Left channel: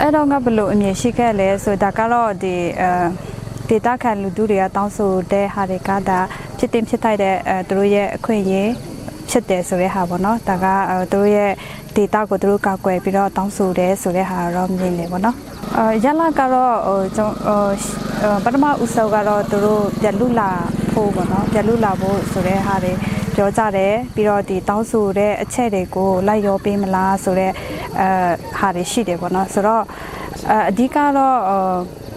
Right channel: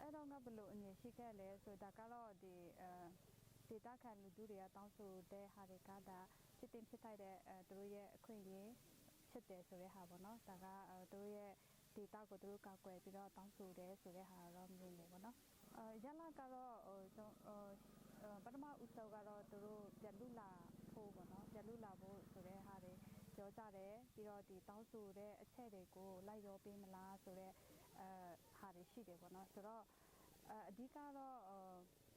အဲ့တော့ငါဘယ်လို့အမြင်ရှိခဲ့လဲဆိုဒါကတော့ဒီအဲဒေတာခံလူတို့တွေကတောင်းဆိုတဲ့ဟာတွေကဒါဖြစ်တင်ဖြစ်ထိုက်တဲ့အဲသူတို့ရဲ့အခွင့်အရေးဖြစ်တယ်ဆိုတဲ့ဟာပေါ့နော်ဒါကအဲသူတို့ရဲ့ဒေတာကိုသူတို့ကောက်ွယ်ပြီးတော့တောင်းဆိုတယ်ဆိုတဲ့ဟာတော့မြင်နေပေါ့နော်အဲရလာကတော့ဟိုကျွန်တော်ဟိုပထမဦးဆုံးကတော့သူတို့ပြလူလာဖို့ပေါ့နော်ပြလူလာဖို့ဆိုတဲ့ဟာတွေပြောကြတယ်ပြီးတော့ဒီတောင်းဆိုတဲ့အချက်တွေကိုလိုက်ရောပေးမလားဆိုတဲ့ အဲဟာတွေရှိတယ်ပေါ့နော်ဆိုတော့အဲအဓိကတော့အဲ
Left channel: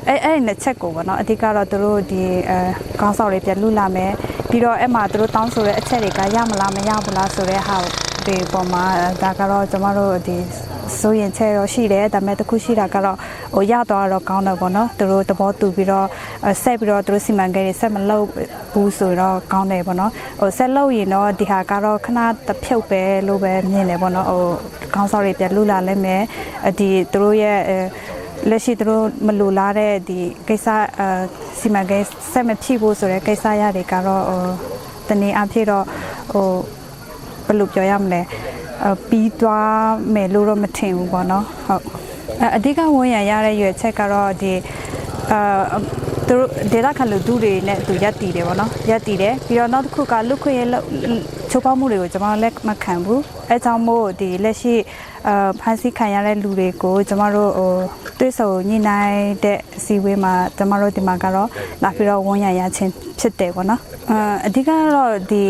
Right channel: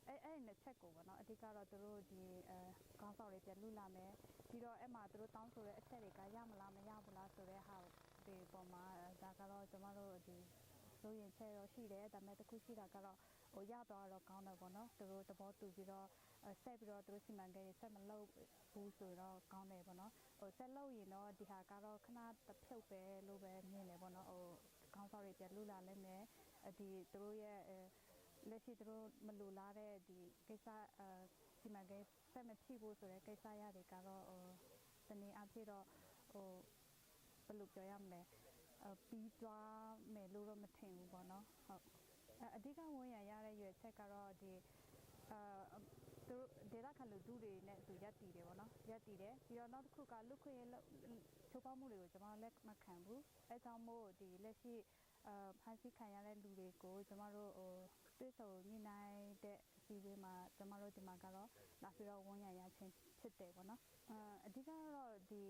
အဲ့အဲ့ဒီနှစ်ချက်ကိုပေါ့နော်အဓိကတော့သူတို့ဒီအဲကောင်းဆောင်တွေပြလူလာမယ်ပြီးတော့အဲ့မှာသူတို့တောင်းဆိုတဲ့အချက်တွေကရမလားမရဘူးလားဆိုတဲ့ဟာဒီပုံမှာဒါကတော့ကျမတို့ဒီ စိုးရင်ချက်တော့ရှိတယ်ဒါပေမဲ့တစ်ခုရှိတာကတော့ဟိုရတော့တော့ကောင်းတယ်ပေါ့နော်သူတို့သဘောတူပြီးတော့အဲဆက်ပြီးတော့သူတို့စီမံကိန်းတွေဆက်မလုပ်ဘူးဆိုတော့ကောင်းတယ်ပေါ့နော်ဟိုဆက်လုပ်ရင်တော့ဒီဟာကတော့ခဏတစ်ဖြုတ်ပဲလို့ပဲမြင်တယ်ပေါ့နော်ဟိုကောင်းဆောင်တွေပြလူလာလဲမယ်အဒီသူတို့ရဲ့အဲလက်ရှိသူတို့မလူလားတဲ့ဒီကိစ္စအဲစီမံကိန်းဆက်မဖြစ်ဘူးဆိုတဲ့ကိစ္စရတွေကတော့ဟိုတနည်းအားဖြင့်တော့ဟိုဘယ်လိုပြောရမလဲအ ပြီးသွားမယ်လို့တော့မထင်ဘူးပေါ့နော်ဟုတ်အအဓိကဝန်ရရတဲ့ရွယ်ချက်ကတော့ဒီအာ သူတို့ဒေတာခလူဒူတွေနဲ့သူရက်တည်တယ်ပေါ့နော်ရက်တည်တယ်ပြီးတော့နောက်တစ်ခုကလူခွင့်ရချိုးပေါက်မှုတွေကိုကျွန်တော်လက်မခံဘူးအဲကြောင့်မို့ဒီလက်ရှိအာဖန်ဆီးခံရတဲ့လူတွေကိုကျွန်တော်တို့ဟိုတွေ့ဆုံညှိနှိုင်းတဲ့အစည်းအဝေးမှာကျွန်တော်တို့ဒီမှာကတော့လာပြီးတော့ဝန်ရရချင်းဖြစ်တယ်ပေါ့နော်အာအဓိကကတော့ဒီ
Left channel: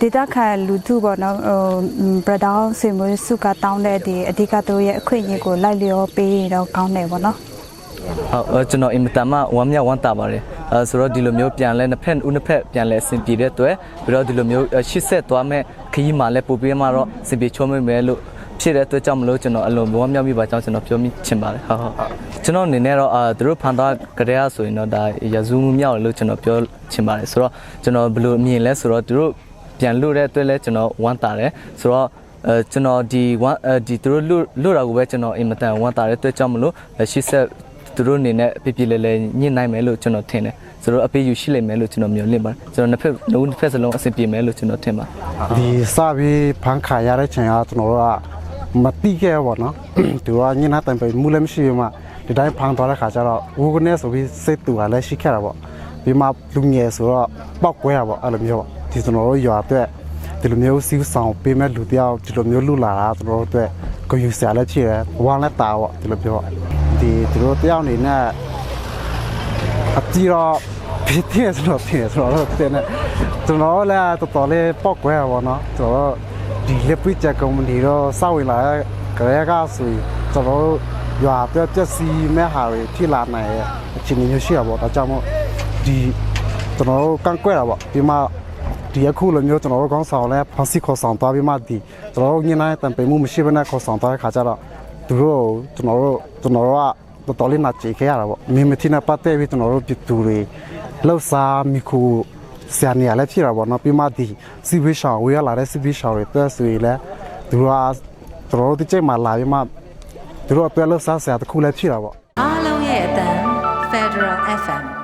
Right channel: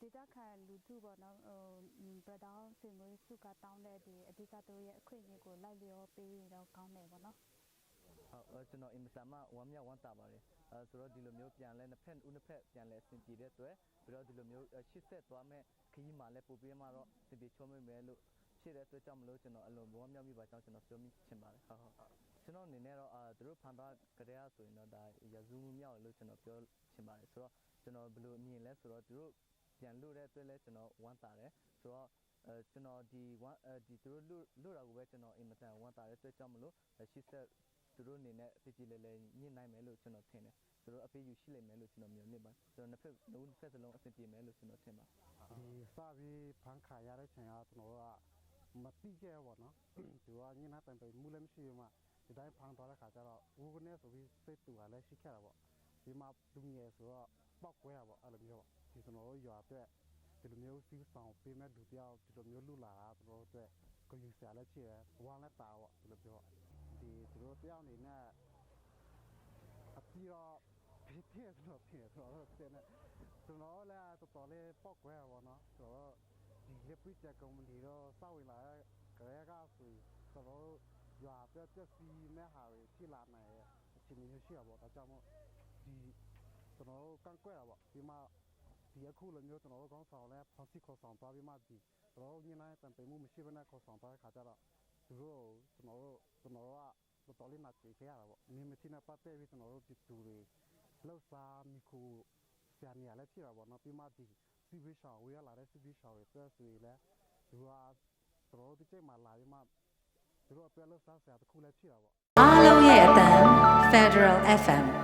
ဒေတာခလူထုပေါ့နော်ဟိုဘရဒေါင်းဆွေမျိုးစုကတောင်းတဲ့ဒီအဓိကသူတို့ရဲ့အခွင့်အရေးကိုလိုက်လျောပေးရင်တော့ကောင်းတယ်ပေါ့နော် ဟုတ်အဲကျွန်တော်အင်မတန်မှဝမ်းမြောက်ဝမ်းသာပါတယ်အဲဆိုတော့ဒီလိုမျိုးပြန်လဲနှစ်ဖက်ဦးနှစ်ဖက်ပြန်လဲအဆင်ပြေတဲ့အတွက်ပြီးတော့ဒီလိုမျိုးရှစ်ဆက်သွားမဲ့ခရီးမှာလဲပို့ပြီးမှတော့အဆင်ပြေချောမိမယ်လို့ဖြစ်တဲ့အတွက်ကြောင့်မလို့ကျွန်တော်အလုံးဝမ်းမြောက်မိပါကြောင်းကျွန်တော်ပြောမိချင်ပါတယ်ဟုတ်ဟုတ်ကျွန်တော်အနေနဲ့တော့အာသူတို့ဖန်သားကြတဲ့ဆိုရင်တော့ဒါရဇူးမှုမြောက်လို့ကျွန်တော်ပြောချင်ပါတယ်ဆိုတော့ကျွန်တော်ဘယ်လိုအမြင်လဲဆိုတော့သူတို့ပြန်လို့တဲ့အတွက်လဲကျွန်တော်ဝမ်းသာတယ်ဆိုတော့အဲကျွန်တော်ဒီဝမ်းအဲဒီသူတို့လွတ်လွတ်တာကိုပဲကျွန်တော်အင်မတန်ဝမ်းသာတဲ့အတွက်ကြောင့်မလို့ရှစ်ဆက် သူတို့အနေနဲ့ပြပြလဲလဲညှိနိုင်မယ်လို့ကျွန်တော်ထင်တယ်ဆိုတော့အပေးယူရှိလိမ့်မယ်လို့ကျွန်တော်မျှော်လင့်ပါတယ်ကျွန်တော်နှစ်ဖက်လုံးတစ်ဖက်စလုံးအဆင်ပြေမယ်လို့ကျွန်တော်ထင်ပါဒီစပြီးဖန်ခါရတဲ့ချိန်ကကျွန်တော်တို့ကမတိခဲ့ဘောနော်သူကညနေတိုင်ပဲမူလည်းမရှိဘူးမှဒီတိုင်းဖန်သွားတဲ့ခါကျတော့ဝူကနေဆိုပြီးစိတ်တူကလည်းရှိခဲ့တာပေါ့ပြီးမှလူငယ်ဆိုတော့ပောက်ကွဲတာပေါ့အဲ့လိုမျိုးပေါ့ဒီကျွန်တော်တို့ရွာအတွက်ဒီလိုမျိုးစီးဆောင်ပေးမဲ့လူတယောက်ဒီလိုမျိုးလူလာတာကျွန်တော်တို့အတွက်ကိုယူဆရာလည်းဖြစ်တယ်ဝမ်းလည်းတာပေါ့ဒီလိုပြော ဒီသူတို့တယောက်အနေနဲ့အတီတော့ဖြစ်တယ်ဆိုတော့ဖြစ်တယ်ဆိုတော့တဲ့နဲ့ကျွန်တော်လည်းတော်တော်လေးပောက်ကွဲရပါတော့ကျွန်တော်ဒီလက်ပိချက်ကုမ္ပဏီတော့စောက်ဝင်လာတဲ့ကြရဲကဆိုရင်ကျွန်တော်ရွာပြပြစီမဲ့ဟာတွေဖြစ်လာနိုင်ရဲ့အခြေအနေမျိုးရှိရပါတော့ဒါကြောင့်မို့ဒီကျွန်တော်ကန့်ကွက်တာပေါ့ဒီမှာဒီအခုလိုမျိုးကျွန်တော်တို့ကောင်းဆောင်လဲဖန်စီခေါ်ဆောင်သွားပြီးမှဒီကျွန်တော်တို့ညနေတန်ပေမှုမရှိဘဲနဲ့ခေါ်ဆောင်သွားတဲ့ခါကျတော့ သူတို့ကျွန်တော်တို့ကျွန်တော်တို့ကတော်တော်လေးနာကြည့်ခဲ့ရတာပေါ့မင်းမတိနာပတ်တဲ့ပြီးကျွန်တော်တို့ပြည်သူတွေလောက်စားမိခုဆရာနေရလဲဖြစ်တာပေါ့နော်ပြီးမှဒီစီဘေးရှောင်းဝေးရလာတဲ့စီဘေးရှောင်းတွေတက်ဆိုရင်လဲသူတို့ကကျွန်တော်တို့ဒီချိန်မှာလာပြီးမှသူတို့အတွက်လောက်စားဆရာတစ်ခုလည်းဖြစ်တာပေါ့အားလုံးရဲ့အတန် Federal FM